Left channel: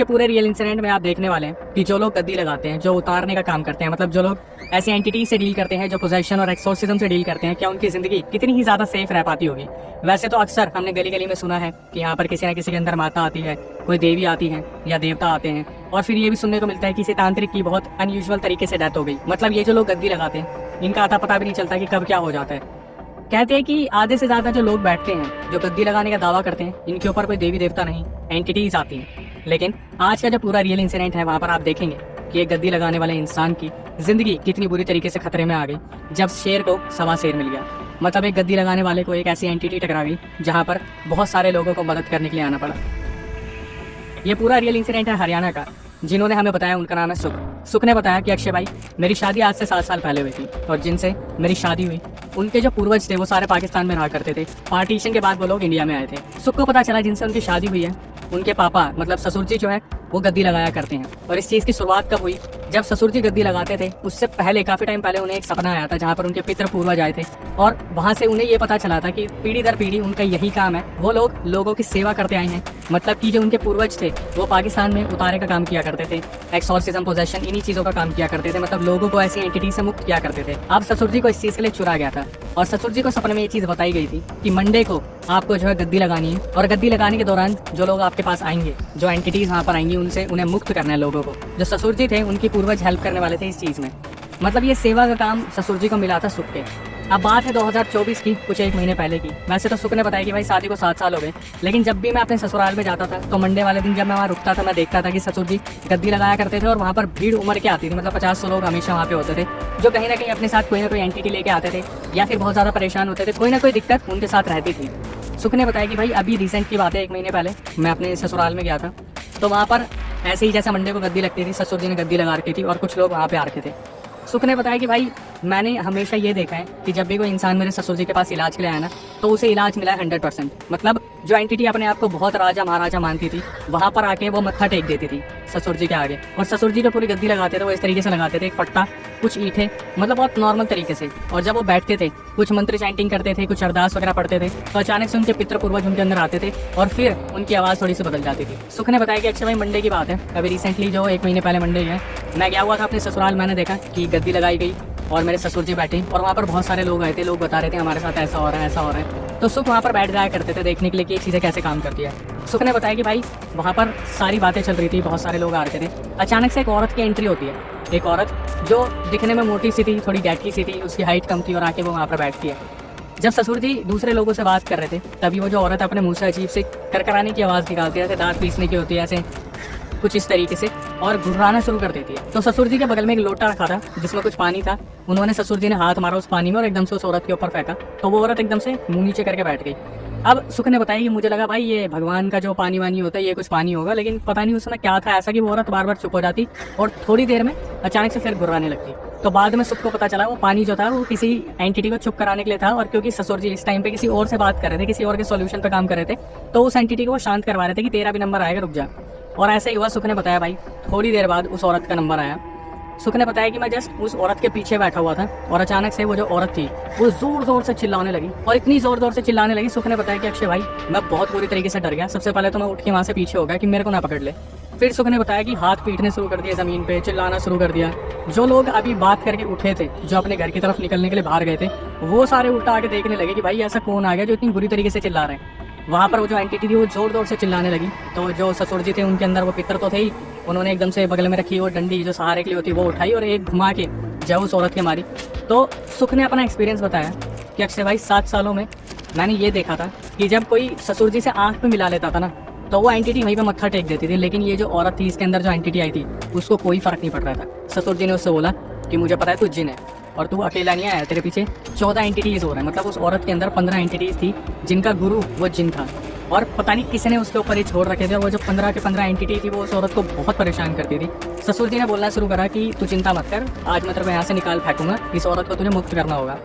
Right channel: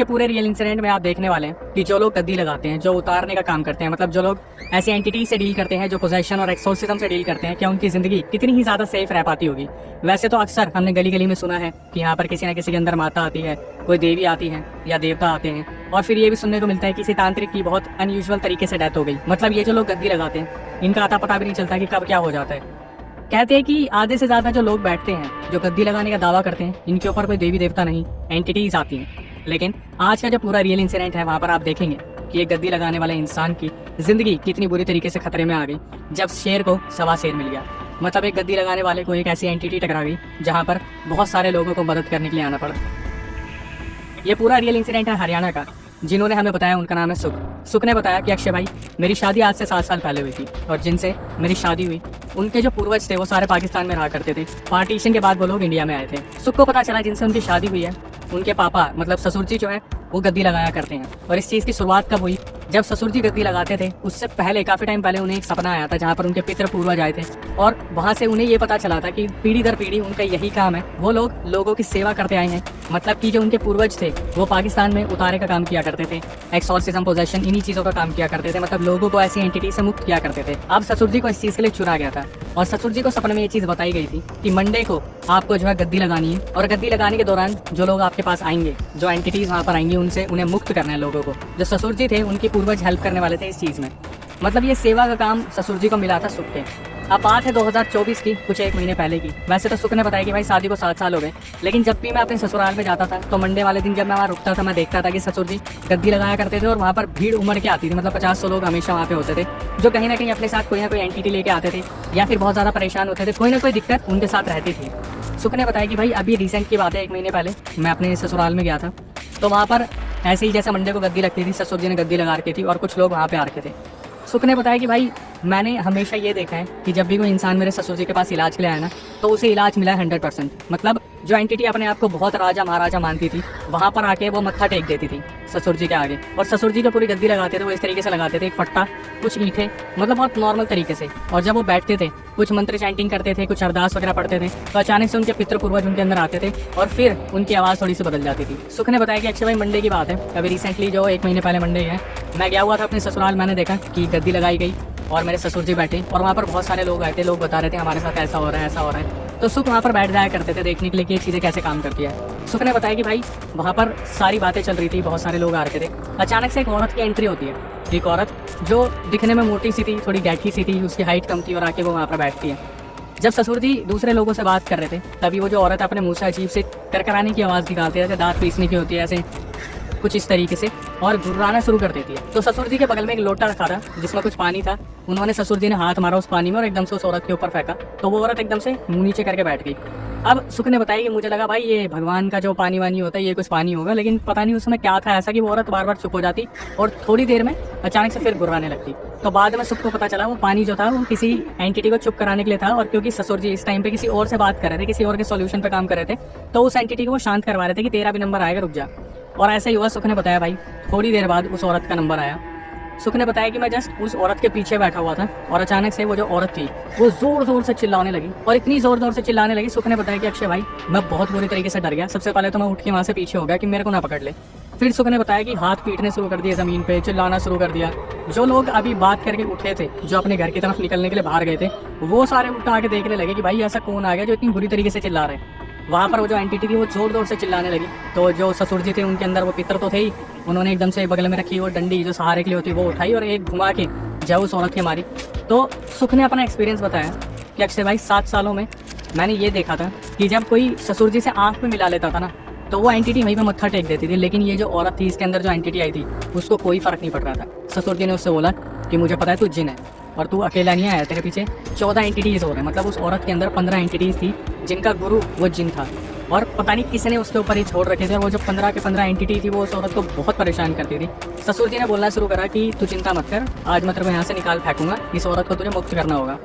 के पूरे real incident में आप देखने वाले हैं कि जो लोग गद्दी लगाते हैं, जो उतारने का काम करते हैं, मतलब जो लोग ऐसे एंटिटी से डील करते हैं, जो पोजेशन और एक्सोर्सिज्म से डील करते हैं, क्या उनकी जिंदगी कितनी ही ज्यादा सेफ रह पाती होगी। वैसे तो अक्सर हमने गली गली में सुना है कि यहाँ पर किसी न किसी के अंदर माता आती है, कोई देवी आती है या देवता आते हैं, और फिर ये भी सुनने को मिलता है कि किसी तांत्रिक की बहुत अनयूजुअल तरीके से डेथ हो गई। मतलब ये जो लोग गद्दी लगाते हैं, इनका अता पता भी नहीं चलता कि कब क्या हो जाता है। कहते हैं कि आधे से ज्यादा जो लोग बैठते हैं, जो गद्दी लगाने का दावा करते हैं, इनके ऊपर कोई देवी देवता नहीं, एंटिटीज आती हैं। लेकिन आज का जो पूरा रियल इंसिडेंट है, वहाँ पर आप देखेंगे कि एक गद्दी लगाने वाले इंसान की जिंदगी कितनी बुरी तरीके से खतरे में आ गई जब शेर को सवा शेर मिल गया। मतलब एक गद्दी लगाने वाले को एक ऐसी एंटिटी टकरा गई जहाँ पर बहुत सारे लोगों को मदद करने के लिए आना पड़ा। ये पूरा रियल इंसिडेंट है हरियाणा का। जिन्होंने हमें बताया उनका नाम है सुख। सुख ने बताया कि अक्षय भाई, मेरी शादी आज से 7 साल पहले हुई थी, और जिनसे मेरी शादी हुई उनके जो पूर्वज थे वो सारे पाकिस्तान में रहा करते थे। पार्टीशन के बाद वो लोग इंडिया में आए थे। सुख को पता चला जिनसे उनकी शादी हुई है, उनके पापा मतलब ससुर जी जो है वो गद्दी लगाया करते हैं। और इस चीज़ की शुरुआत कब हुई, जब ससुर जी गद्दी लगाते थे उससे पहले काफ़ी टाइम पहले उन्हें एक सपना आया था जहाँ पर उनके पितृ पूर्वज आए थे, और वहाँ से उन्हें ये पता चला था कि पीढ़ी दर पीढ़ी उनका यही काम है। वो लोग लोगों की सेवा करते आए हैं। मतलब कि जो उनके पूर्वज थे वो पाकिस्तान में उतारे का काम किया करते थे, एक्सॉर्सिज्म, पोजेशन, इन्हीं चीज़ों का काम किया करते थे। मतलब लोगों को ऐसी एंटिटी से मुक्त किया करते थे। अब ससुर जी को इस चीज़ के लिए चुना गया था, और ससुर जी को सपने में ये चीज़ बताई गई थी कि मंडे को आपको जो है गद्दी लगानी है, और गद्दी लगाने के दौरान जो लोग आपके पास आएंगे, जो एंटिटीज वहाँ पर आएंगी, उनसे उन्हें मुक्त करना है लोगों को। जो ससुर जी थे उनकी पूर्वज हेल्प करने वाले थे इस चीज़ में। मतलब ये सेवा का काम ससुर जी को मिला था सुख के। अब बात है 2024 की, कुछ 1 महीने पहले की। वैसे तो सुख ने बताया कि भाई शादी को 7 साल हो गए, लेकिन जब भी मैं अपने ससुराल में जाता था तो मंडे वाले दिन जब मैं वहाँ रुकता था, मैं देखता था कि ससुर जी गद्दी लगाया करते थे, और वहाँ पर भीड़ उमड़ के आती थी। मतलब 50-100 लोग हमेशा वहाँ पे होते थे, जो कहीं ना कहीं अपने साथ कोई ना कोई एंटिटी लेके आते थे, या फिर बहुत ज़्यादा परेशान होते थे, कोई ना कोई दिक्कत उनके साथ रहती थी। सुख ने बताया कि भाई अभी रिसेंट की बात है, 1 महीने पहले मैं अपने ससुराल में गया था, तो वहाँ पर ऐसे ही जैसे मंडे को गद्दी लगती थी, ससुर जी ने गद्दी लगा रखी थी और कुछ लोग वहाँ पे आ रखे थे। सुख ने बताया कि भाई मैंने हमेशा ये देखा है कि जब भी कोई इंसान मेरे ससुर जी के पास इलाज के लिए आया ना, तो उसे इलाज मिला है 100%। मतलब जो एंटिटी अपने आप को बहुत राजा महाराजा मानती थी, वहाँ पर आके वो मत्था टेक देती थी ससुर जी के आगे। और ससुर जी जो पूरी गद्दी लगाते थे वो इस तरीके से लगाते थे, एक फट्टा, कुछ ईंटें, मतलब बहुत नॉर्मल तरीके से। और जब वो बैठते थे, कुछ मंत्र चैंटिंग करते थे, कुछ अरदास वगैरह पढ़ते थे, तो अचानक से उनके पितृ पूर्वज उनके अंदर आते थे और फिर उनकी आवाज़ थोड़ी सी बदल जाती थी। सुख ने बताया कि अक्षय भाई मंडे की बात है, अभी रिसेंटली जो 1 महीने पहले मंडे है, मैं गया हुआ था अपने ससुराल। मैंने देखा कि गद्दी लगाई गई और मेरे ससुर जी बैठे, और वहाँ पर बहुत सारे लोग आए थे, लोग बता रहे थे हमारे साथ ऐसा हो रहा है, ऐसा हो रहा है। तो सुख वहाँ पर बैठ जाया करते थे देखने के लिए कि चीज़ें कैसे काम करती है। सुख ने बताया कि भाई वहाँ पर सारी बातें चल रही थी, बहुत सारे लोग आ रहे थे। अचानक से एक औरत की एंट्री होती है, एक औरत जो दिखने में मोटी सी थी, थोड़ी डैटकी सी थी, उसकी हाइट कम थी, और आके वो वहाँ पर बैठती है। जब ससुर जी दूसरे लोगों से बात कर रहे थे, तभी वो जो औरत अपने मुँह से अजीब से करकराने की आवाज़ निकालती है, जैसे दांत पीसने की होती है, ऐसे कुछ इस तरीके से, और घुर्राना शुरू कर देती है। तो ससुर जी के बगल में एक लोटा रखा था जिसमें कुछ पानी था। उन्होंने ससुर जी ने हाथ मारा उस पानी में और एकदम से उस औरत के ऊपर फेंका, तो वो औरत एकदम से मुंह नीचे करके बैठ गई। अब सुख ने बताया कि मुझे लगा भाई ये भगवान का जो पानी वानी होता है, ये कुछ पानी होगा, लेकिन पता नहीं उसमें क्या था ऐसा कि वो औरत बार बार चुप हो जाती और थोड़ी देर में अचानक से फिर घुर्राने लगती। तो बाद में सुख को पता चला वो पानी जो था वो किसी एंटिटी को चुप कराने के लिए था, और क्योंकि ससुर जी इस टाइम पे किसी और से बात कर रहे थे, किसी और के सॉल्यूशन पे काम कर रहे थे, तो उस एंटिटी को वो शांत करवा रहे थे कि तेरा भी नंबर आएगा, रुक जा। और ऐसा ही हुआ। सुख ने बताया भाई थोड़ी देर बाद उस औरत का नंबर आया। सुख ने बताया कि मैं जस्ट उस औरत के पीछे बैठा हुआ था, और अचानक से वो जो औरत थी वो जोर जोर से चिल्लाने लगी, और इतनी जोर जोर से चिल्लाने लगी। सुख ने बताया कि अक्षय भाई मैं बहुत बुरी तरीके से डर गया। सबसे पहले तो मैं उठ के वहाँ से पीछे हो गया कि मेरे को ना पकड़ ले। फिर सुख ने बताया कि हाथ पीटने शुरू कर दिया, ज़मीन पे चिल्लाना शुरू कर दिया। जो लोग अभी बात करके उठे थे, जो अपने घर की तरफ निकलने के लिए बाहर गए थे, वो सारे उल्टा आके देखने लगे कि भाई ऐसा कौन आ गया जो इतनी बुरी तरीके से चिल्ला रहे हैं। वहाँ पर वो जो एंटिटी थी वो जोर जोर से चिल्लाने लगी। तो जो ससुर जी थे उनके अंदर वो पितर तो थे ही, उन्होंने एकदम से बगल में रखी वो डंडी जो सहारे के लिए होती है वो उठाई और एक घुमा के जब उस औरत के मारी। तो सुख ने अपना एक्सपीरियंस बताया कि अक्षय भाई 7 सालों में मैंने ये देखा था कि जब कोई ससुर जी से आँख में मिला लेता था ना, तो वो एंटिटी वहीं पर मत्था टेक देती थी। लेकिन ये जो औरत थी, इसके अंदर जो एंटिटी आई थी, उसको कोई फर्क नहीं पड़ रहा था। ससुर जी ने उससे बोला कि मुझे पता है तू जिन है और तू अकेला नहीं आया, तेरे पीछे 14 एंटिटीज हो रहा है। मतलब उस औरत के अंदर 15 एंटिटीज थी जिनका गुरु वो जिन था, और पता नहीं किसी ने उसके ऊपर ये छोड़ रखे थे। और वो जो 15 के 15 एंटिटी थी वो उस औरत को बहुत परेशान करती थी। ससुर जी ने बोलना शुरू करा कि तू चिंता मत कर, आज मैं तेरे को यहाँ से निकाल फेंकूंगा, इस औरत को तुझे मुक्त करना होगा।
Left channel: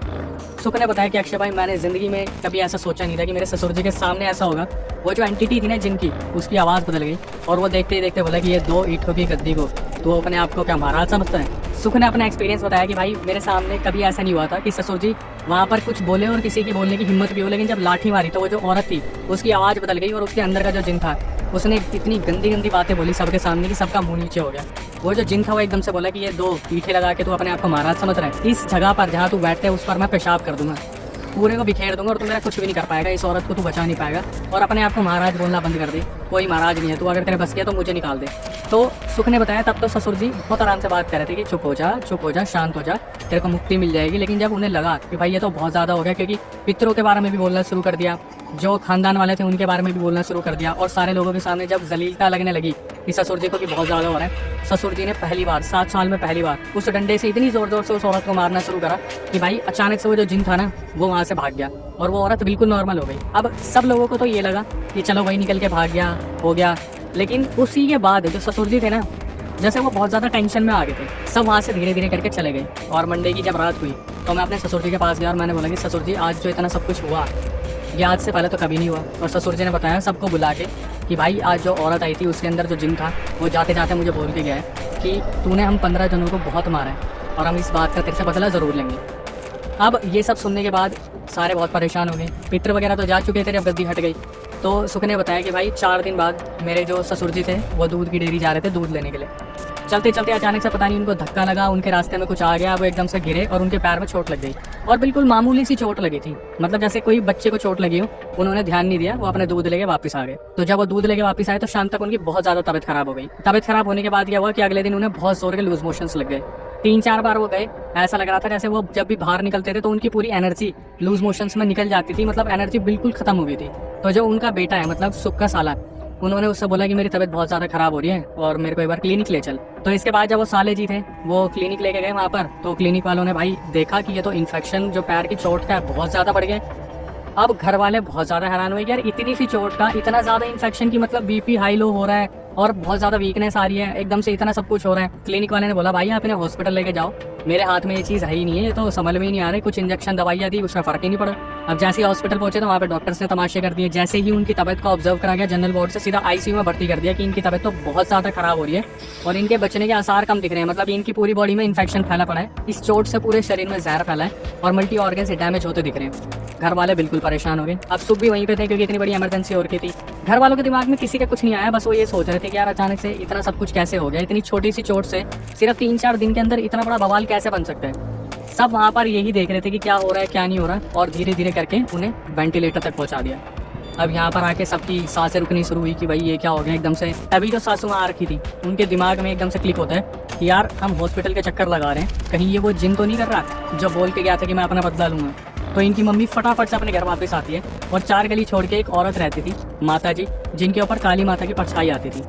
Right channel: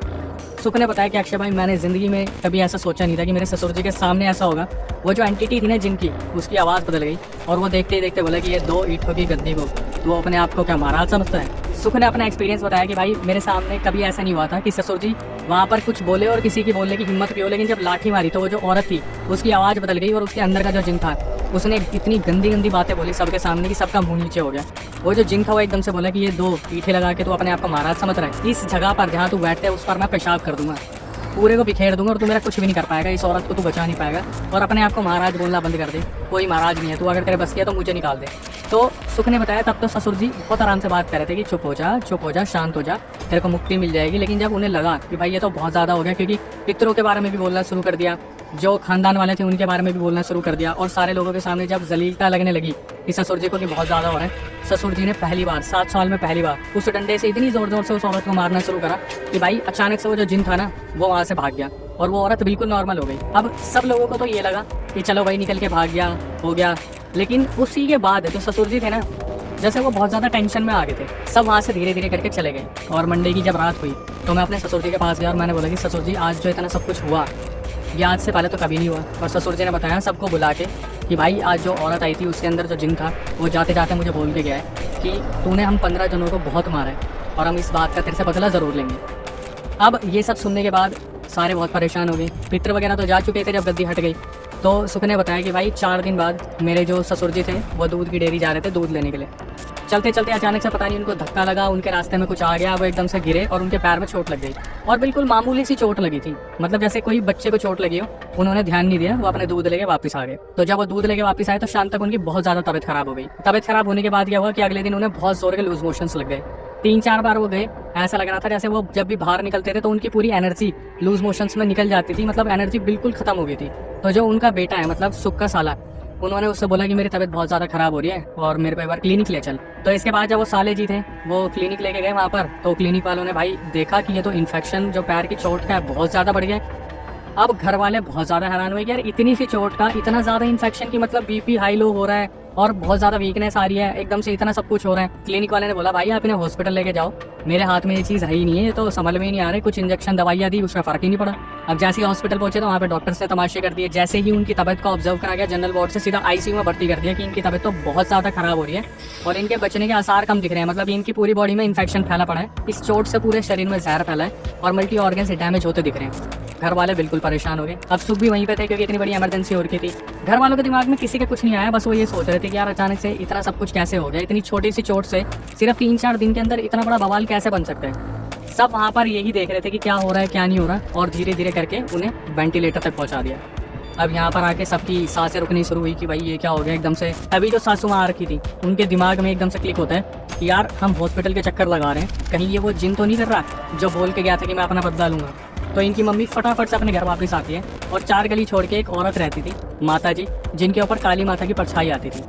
सुख ने बताया कि अक्षय भाई मैंने ज़िंदगी में कभी ऐसा सोचा नहीं था कि मेरे ससुर जी के सामने ऐसा होगा। वो जो एंटिटी थी ना जिनकी, उसकी आवाज़ बदल गई, और वो देखते देखते बोला कि ये 2 ईंटों की गद्दी को तो अपने आप को क्या महाराज समझता है। सुख ने अपना एक्सपीरियंस बताया कि भाई मेरे सामने कभी ऐसा नहीं हुआ था कि ससुर जी वहाँ पर कुछ बोले और किसी की बोलने की हिम्मत भी हो, लेकिन जब लाठी मारी तो वो जो औरत थी उसकी आवाज़ बदल गई और उसके अंदर का जो जिन था उसने इतनी गंदी गंदी बातें बोली सबके सामने कि सबका मुंह नीचे हो गया। वो जो जिन था वो एकदम से बोला कि ये 2 ईंटें लगा के तू अपने आप को महाराज समझ रहा है, इस जगह पर जहाँ तू बैठते है उस पर मैं पेशाब कर दूंगा, पूरे को बिखेर दूंगा और तू मेरा कुछ भी नहीं कर पाएगा, इस औरत को तू बचा नहीं पाएगा। और अपने आप को महाराज बोलना बंद कर दे, कोई महाराज नहीं है तू, अगर तेरे बस किया तो मुझे निकाल दे। तो सुख ने बताया तब तो ससुर जी बहुत आराम से बात कर रहे थे कि चुप हो जा, शांत हो जा, तेरे को मुक्ति मिल जाएगी। लेकिन जब उन्हें लगा कि भाई ये तो बहुत ज़्यादा हो गया, क्योंकि पितरों के बारे में भी बोलना शुरू कर दिया, जो खानदान वाले थे उनके बारे में भी बोलना शुरू कर दिया, और सारे लोगों के सामने जब जलीलता लगने लगी कि ससुर जी को कि बहुत ज़्यादा हो रहा है, ससुर जी ने पहली बार 7 साल में पहली बार उस डंडे से इतनी ज़ोर ज़ोर से उस औरत को मारना शुरू करा कि भाई अचानक से वो जो जिन था ना वो वहाँ से भाग गया और वो औरत बिल्कुल नॉर्मल हो गई। अब सब लोगों को तो ये लगा कि चलो भाई निकल के भाग गया, हो गया। लेकिन उसी के बाद जो ससुर जी थे ना, जैसे वो बहुत ज़्यादा टेंशन में आ गए थे, सब वहाँ से धीरे धीरे करके चले गए। और मंडे की जब रात हुई तो मैं अपने ससुर जी के पास गया और मैंने बोला कि ससुर जी आज जो इतना सब कुछ हुआ ये आज से पहले तो कभी नहीं हुआ। और ससुर जी ने बताया सबको बुला के कि भाई आज जो औरत आई थी उसके अंदर जो जिन था वो जाते जाते मुझे बोल के गया है कि तूने हम 15 जनों को बहुत मारा है और हम इस बात का तेरे से बदला ज़रूर लेंगे। अब ये सब सुनने के बाद सारे बहुत परेशान हो गए, पितर वगैरह तो जा चुके थे जब गद्दी हट गई। तो सुख ने बताया कि भाई 4 दिन बाद मेरे जो ससुर जी थे वो दूध की डेयरी जा रहे थे दूध लेने के लिए। चलते चलते अचानक से पता नहीं उनको धक्का लगा, उनके रास्ते में कुछ आ गया, वो एकदम से गिरे और उनके पैर में चोट लग गई। और बिल्कुल मामूली सी चोट लगी थी, मतलब जैसे कोई बच्चे को चोट लगी हो। उन्होंने ध्यान नहीं दिया, वो अपने दूध लेके वापस आ गए। तो जब वो दूध लेके वापस आए तो शाम तक उनकी बहुत ज़्यादा तबियत खराब हो गई। तबियत खराब होने के बाद क्या हुआ कि अगले दिन उन्हें बहुत जोर के लूज मोशंस लग गए। 3-4 बार वो गए, ऐसा लग रहा था जैसे वो जब भी बाहर निकलते थे तो उनकी पूरी एनर्जी लूज मोशंस में निकल जाती थी, मतलब एनर्जी बिल्कुल खत्म हो गई थी। तो जो उनका बेटा है मतलब सुख का साला, उन्होंने उससे बोला कि मेरी तबीयत बहुत ज़्यादा खराब हो रही है और मेरे को एक बार क्लिनिक ले चल। तो इसके बाद जब वो साले जी थे वो क्लिनिक लेके गए वहाँ पर, तो क्लिनिक वालों ने भाई देखा कि ये तो इन्फेक्शन जो पैर की चोट है बहुत ज़्यादा बढ़ गया। अब घर वाले बहुत ज़्यादा हैरान हुए कि यार इतनी सी चोट का इतना ज़्यादा इन्फेक्शन की, मतलब बीपी हाई लो हो रहा है और बहुत ज़्यादा वीकनेस आ रही है, एकदम से इतना सब कुछ हो रहा है। क्लिनिक वाले ने बोला भाई आप इन्हें हॉस्पिटल लेके जाओ, मेरे हाथ में ये चीज़ है ही नहीं है, तो समझ में ही नहीं आ रहा है। कुछ इंजेक्शन दवाइयाँ दी, उसमें फ़र्क ही नहीं पड़ा। अब जैसे ही हॉस्पिटल पहुंचे तो वहाँ पे डॉक्टर्स ने तमाशे कर दिए। जैसे ही उनकी तबियत को ऑब्जर्व करा गया जनरल वार्ड से सीधा आईसीयू में भर्ती कर दिया कि इनकी तबियत तो बहुत ज़्यादा खराब हो रही है और इनके बचने के आसार कम दिख रहे हैं, मतलब इनकी पूरी बॉडी में इन्फेक्शन फैला पड़ा है, इस चोट से पूरे शरीर में जहर फैला है और मल्टी ऑर्गन से डैमेज होते दिख रहे हैं। घर वाले बिल्कुल परेशान हो गए। अब सुख भी वहीं पे थे क्योंकि इतनी बड़ी इमरजेंसी हो रखी थी। घर वालों के दिमाग में किसी के कुछ नहीं आया, बस वो ये सोच रहे थे कि यार अचानक से इतना सब कुछ कैसे हो गया, इतनी छोटी सी चोट से सिर्फ 3-4 दिन के अंदर इतना बड़ा बवाल कैसे बन सकता है। सब वहाँ पर यही देख रहे थे कि क्या हो रहा है क्या नहीं हो रहा, और धीरे धीरे करके उन्हें वेंटिलेटर तक पहुँचा दिया। अब यहाँ पर आके सबकी सांसें रुकनी शुरू हुई कि भाई ये क्या हो गया एकदम से। अभी जो सासू माँ आ रखी थी उनके दिमाग में एकदम से क्लिक होता है कि यार हम हॉस्पिटल के चक्कर लगा रहे हैं, कहीं ये वो जिन तो नहीं कर रहा जो बोल के गया था कि मैं अपना बदला लूंगा। तो इनकी मम्मी फटाफट से अपने घर वापस आती है और 4 गली छोड़ के एक औरत रहती थी माता जी, जिनके ऊपर काली माता की परछाई आती थी।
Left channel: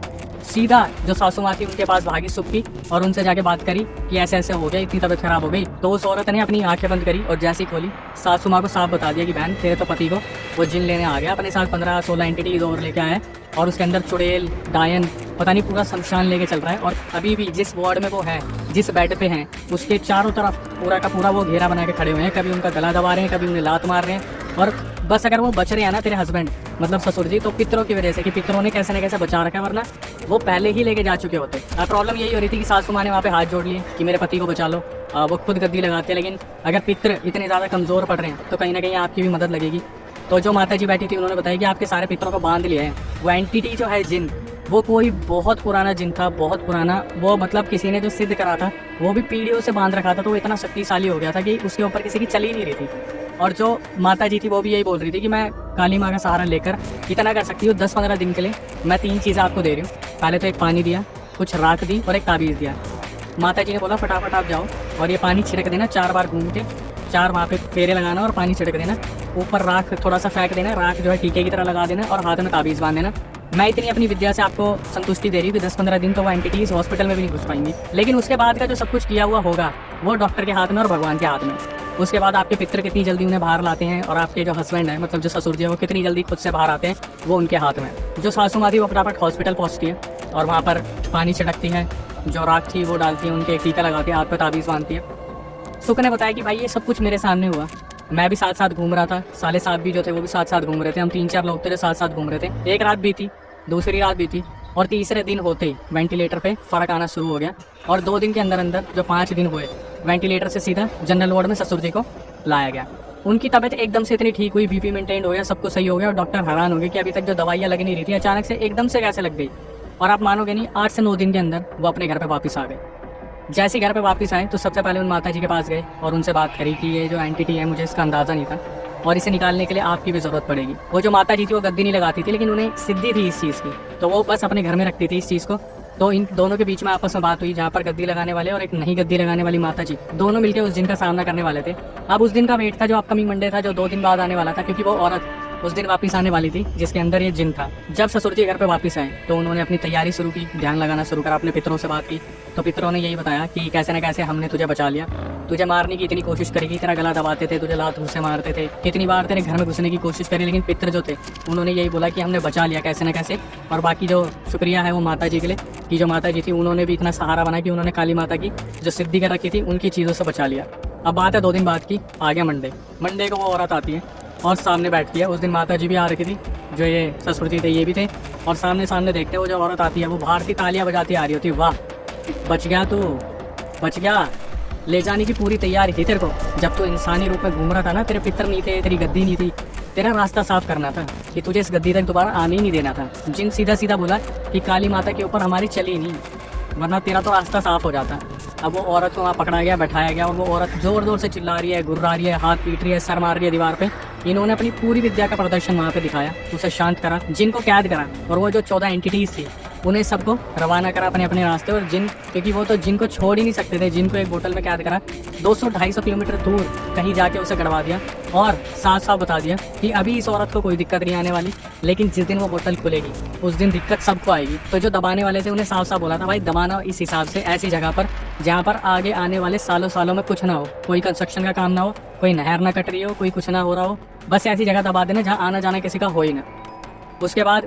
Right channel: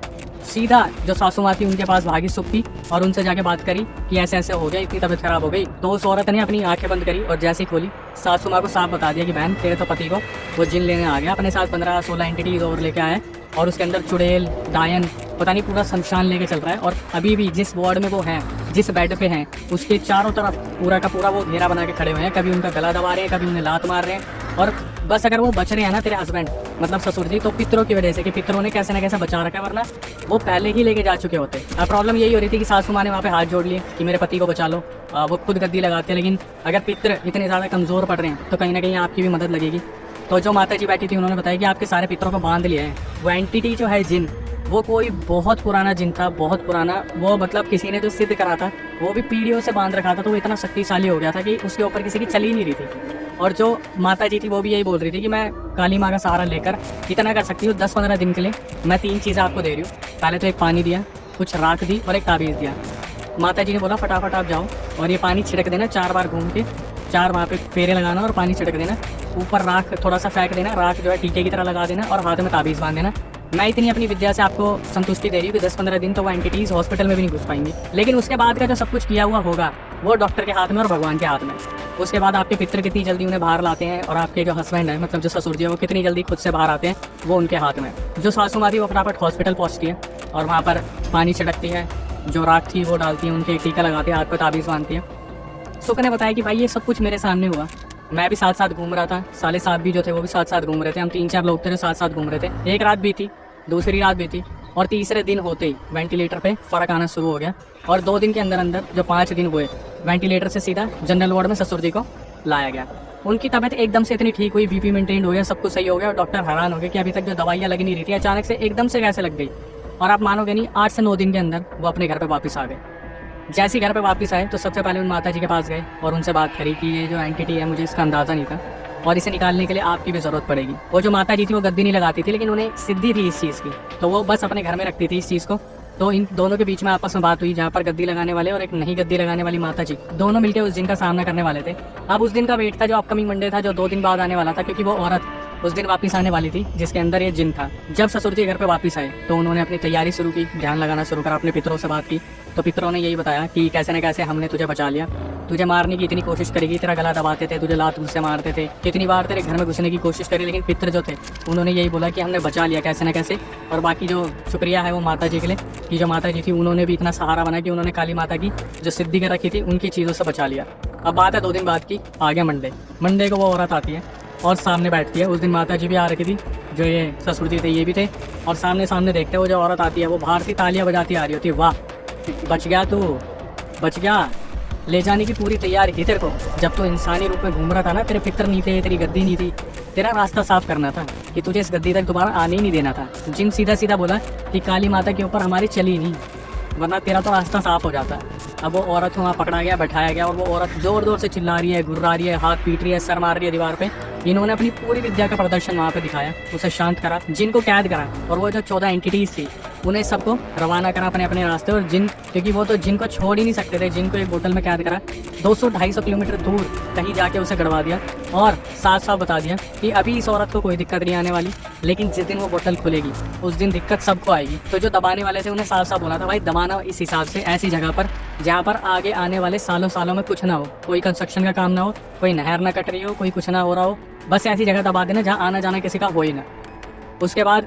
सीधा जो सासू माँ थी उनके पास भागी सुख की और उनसे जाके बात करी कि ऐसे ऐसे हो गया, इतनी तबीयत खराब हो गई। तो उस औरत ने अपनी आंखें बंद करी और जैसे ही खोली सासू माँ को साफ बता दिया कि बहन तेरे तो पति को वो जिन लेने आ गया, अपने साथ 15-16 एंटिटीज और लेके आए और उसके अंदर चुड़ैल डायन पता नहीं पूरा शमशान लेके चल रहा है। और अभी भी जिस वार्ड में वो है, जिस बेड पे हैं, उसके चारों तरफ पूरा का पूरा वो घेरा बना के खड़े हुए हैं। कभी उनका गला दबा रहे हैं, कभी उन्हें लात मार रहे हैं। और बस अगर वो बच रहे हैं ना तेरे हस्बैंड मतलब ससुर जी, तो पितरों की वजह से, कि पितरों ने कैसे ना कैसे बचा रखा है, वरना वो पहले ही लेके जा चुके होते। अब प्रॉब्लम यही हो रही थी कि सासू माँ ने वहाँ पे हाथ जोड़ लिए कि मेरे पति को बचा लो। वो खुद गद्दी लगाते हैं, लेकिन अगर पितर इतने ज़्यादा कमज़ोर पड़ रहे हैं तो कहीं ना कहीं आपकी भी मदद लगेगी। तो जो माता जी बैठी थी उन्होंने बताया कि आपके सारे पितरों को बांध लिया है। वो एंटिटी जो है जिन, वो कोई बहुत पुराना जिन था, बहुत पुराना। वो मतलब किसी ने जो सिद्ध करा था वो भी पीढ़ियों से बांध रखा था, तो वो इतना शक्तिशाली हो गया था कि उसके ऊपर किसी की चली नहीं रही थी। और जो माता जी थी वो भी यही बोल रही थी कि मैं काली माँ का सहारा लेकर इतना कर सकती हूँ 10-15 दिन के लिए। मैं 3 चीज़ें आपको दे रही हूँ, पहले तो एक पानी दिया, कुछ राख दी और एक ताबीज़ दिया। माता जी ने बोला फटाफट आप जाओ और ये पानी छिड़क देना 4 बार घूम के, 4 वहाँ पे फेरे लगाना और पानी छिड़क देना। ऊपर राख थोड़ा सा फेंक देना, राख जो है टीके की तरह लगा देना और हाथ में ताबीज़ बांध देना। मैं इतनी अपनी विद्या से आपको संतुष्टि दे रही हूँ कि 10-15 दिन तो वो एंटिटीज़ हॉस्पिटल में भी नहीं घुस पाएंगी, लेकिन उसके बाद का जो सब कुछ किया हुआ होगा वो डॉक्टर के हाथ में और भगवान के हाथ में। उसके बाद आपके पितर कितनी जल्दी उन्हें बाहर लाते हैं और आपके जो हस्बैंड है मतलब जो ससुर जी हैं वो कितनी जल्दी खुद से बाहर आते हैं, वो उनके हाथ में। जो सासू माँ थी वो फटाफट हॉस्पिटल पहुँचती है और वहाँ पर पानी छिड़कती है, जो राख थी वो डालती है, उनके एक टीका लगाती है, हाथ पर ताबीज़ बांधती है। सुख ने बताया कि भाई ये सब कुछ मेरे सामने हुआ, मैं भी साथ साथ घूम रहा था, साले साथ भी जो थे वो भी साथ साथ घूम रहे थे, हम 3-4 लोग थे जो साथ साथ घूम रहे थे। एक रात भी थी, दूसरी रात भी थी और तीसरे दिन होते ही वेंटिलेटर पे फ़र्क आना शुरू हो गया। और 2 दिन के अंदर अंदर जो 5 दिन हुए वेंटिलेटर से सीधा जनरल वार्ड में ससुर जी को लाया गया। उनकी तबीयत एकदम से इतनी ठीक हुई, बीपी मेंटेन हो गया, सब कुछ सही हो गया और डॉक्टर हैरान हो गए कि अभी तक जो दवाइयाँ लग नहीं रही थी अचानक से एकदम से कैसे लग गई। और आप मानोगे नहीं, 8 से 9 दिन के अंदर वो अपने घर पे वापस आ गए। जैसे घर पे वापस आए तो सबसे पहले उन माता जी के पास गए और उनसे बात करी कि ये जो एंटिटी है मुझे इसका अंदाज़ा नहीं था और इसे निकालने के लिए आपकी भी ज़रूरत पड़ेगी। वो जो माता जी थी वो गद्दी नहीं लगाती थी, लेकिन उन्हें सिद्धि थी इस चीज़ की, तो वो बस अपने घर में रखती थी इस चीज़ को। तो इन दोनों के बीच में आपस में बात हुई, जहाँ पर गद्दी लगाने वाले और एक नहीं गद्दी लगाने वाली माता जी दोनों मिलकर उस दिन का सामना करने वाले थे। अब उस दिन का वेट था जो अपकमिंग मंडे था, जो 2 दिन बाद आने वाला था, क्योंकि वो औरत उस दिन वापस आने वाली थी जिसके अंदर ये जिन था। जब ससुर जी घर पे वापस आए तो उन्होंने अपनी तैयारी शुरू की, ध्यान लगाना शुरू करा, अपने पितरों से बात की। तो पितरों ने यही बताया कि कैसे न कैसे हमने तुझे बचा लिया, तुझे मारने की इतनी कोशिश करेगी, तेरा गला दबाते थे, तुझे लात से मारते थे, कितनी बार तेरे घर में घुसने की कोशिश करें, लेकिन पितर जो थे उन्होंने यही बोला कि हमने बचा लिया कैसे न कैसे। और बाकी जो शुक्रिया है वो माता जी के लिए कि जो माता जी थी उन्होंने भी इतना सहारा बना कि उन्होंने काली माता की जो सिद्धि कर रखी थी उनकी चीज़ों से बचा लिया। अब बात है 2 दिन बाद की, आ गया मंडे को वो औरत आती है और सामने बैठती है। उस दिन माता जी भी आ रखी थी, जो ये ससुर जी थे ये भी थे, और सामने देखते हैं वो जो औरत आती है वो बाहर से तालियां बजाती आ रही होती है। वाह, बच गया तू, बच गया, ले जाने की पूरी तैयारी थी तेरे को। जब तू इंसानी रूप में घूम रहा था ना, तेरे पितर नहीं थे, तेरी गद्दी नहीं थी, तेरा रास्ता साफ करना था कि तुझे इस गद्दी तक दोबारा आने ही नहीं देना था। जिन सीधा बोला कि काली माता के ऊपर हमारी चली नहीं, वरना तेरा तो रास्ता साफ हो जाता। अब वो औरत को वहाँ पकड़ा गया, बैठाया गया और वो औरत जोर से चिल्ला रही है, घुर्रा रही है, हाथ पीट रही है, सर मार रही है दीवार पे। इन्होंने अपनी पूरी विद्या का प्रदर्शन वहाँ पे दिखाया, उसे शांत करा, जिन को कैद करा और वो जो 14 एंटिटीज थी उन्हें सबको रवाना करा अपने अपने रास्ते। और जिन, क्योंकि वो तो जिन को छोड़ ही नहीं सकते थे, जिनको एक बोतल में कैद करा, 200-250 किलोमीटर दूर कहीं जाके उसे गड़वा दिया और साफ बता दिया कि अभी इस औरत को कोई दिक्कत नहीं आने वाली, लेकिन जिस दिन वो बोतल खुलेगी उस दिन दिक्कत सबको आएगी। तो जो दबाने वाले थे उन्हें साफ बोला था, भाई दबाना इस हिसाब से, ऐसी जगह पर जहाँ पर आगे आने वाले सालों में कुछ ना हो, कोई कंस्ट्रक्शन का काम ना हो, कोई नहर ना कट रही हो, कोई कुछ ना हो रहा हो, बस ऐसी जगह दबा देना जहाँ आना जाना किसी का हो ही ना। उसके बाद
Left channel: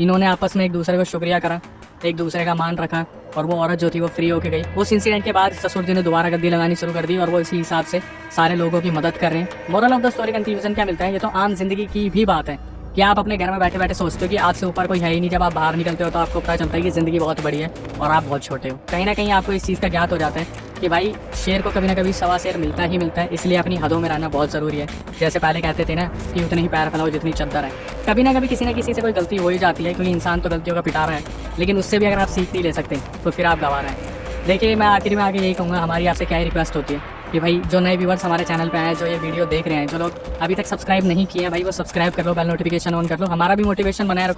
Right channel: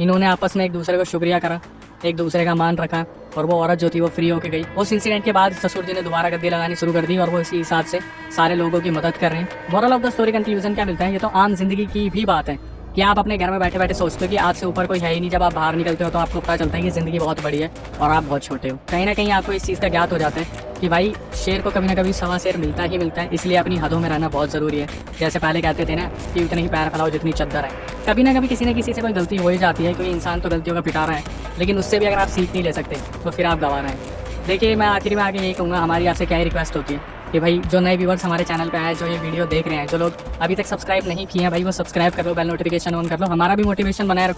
इन्होंने आपस में एक दूसरे को शुक्रिया करा, एक दूसरे का मान रखा और वो औरत जो थी वो फ्री होके गई। उस इंसिडेंट के बाद ससुर जी ने दोबारा गद्दी लगानी शुरू कर दी और वो इसी हिसाब से सारे लोगों की मदद कर रहे हैं। Moral of the story conclusion क्या मिलता है, ये तो आम जिंदगी की भी बात है कि आप अपने घर में बैठे बैठे सोचते हो कि आज से ऊपर कोई है ही नहीं। जब आप बाहर निकलते हो तो आपको पता चलता है कि ज़िंदगी बहुत बड़ी है और आप बहुत छोटे हो। कहीं ना कहीं आपको इस चीज़ का ज्ञात हो जाता है कि भाई शेर को कभी ना कभी सवा शेर मिलता ही मिलता है, इसलिए अपनी हदों में रहना बहुत ज़रूरी है। जैसे पहले कहते थे ना कि उतने ही पैर फैलाओ जितनी चद्दर है। कभी ना कभी किसी न किसी से कोई गलती हो ही जाती है, कोई इंसान तो गलतियों का पिटा रहा है, लेकिन उससे भी अगर आप सीख नहीं ले सकते तो फिर आप गवा रहे हैं। देखिए, मैं आखिरी में आगे यही कहूँगा, हमारी आपसे क्या रिक्वेस्ट होती है कि भाई जो नए व्यूवर्स हमारे चैनल पे आए, जो ये वीडियो देख रहे हैं, जो लोग अभी तक सब्सक्राइब नहीं किए हैं, भाई वो सब्सक्राइब कर लो, बेल नोटिफिकेशन ऑन कर लो, हमारा भी मोटिवेशन बनाए रखो।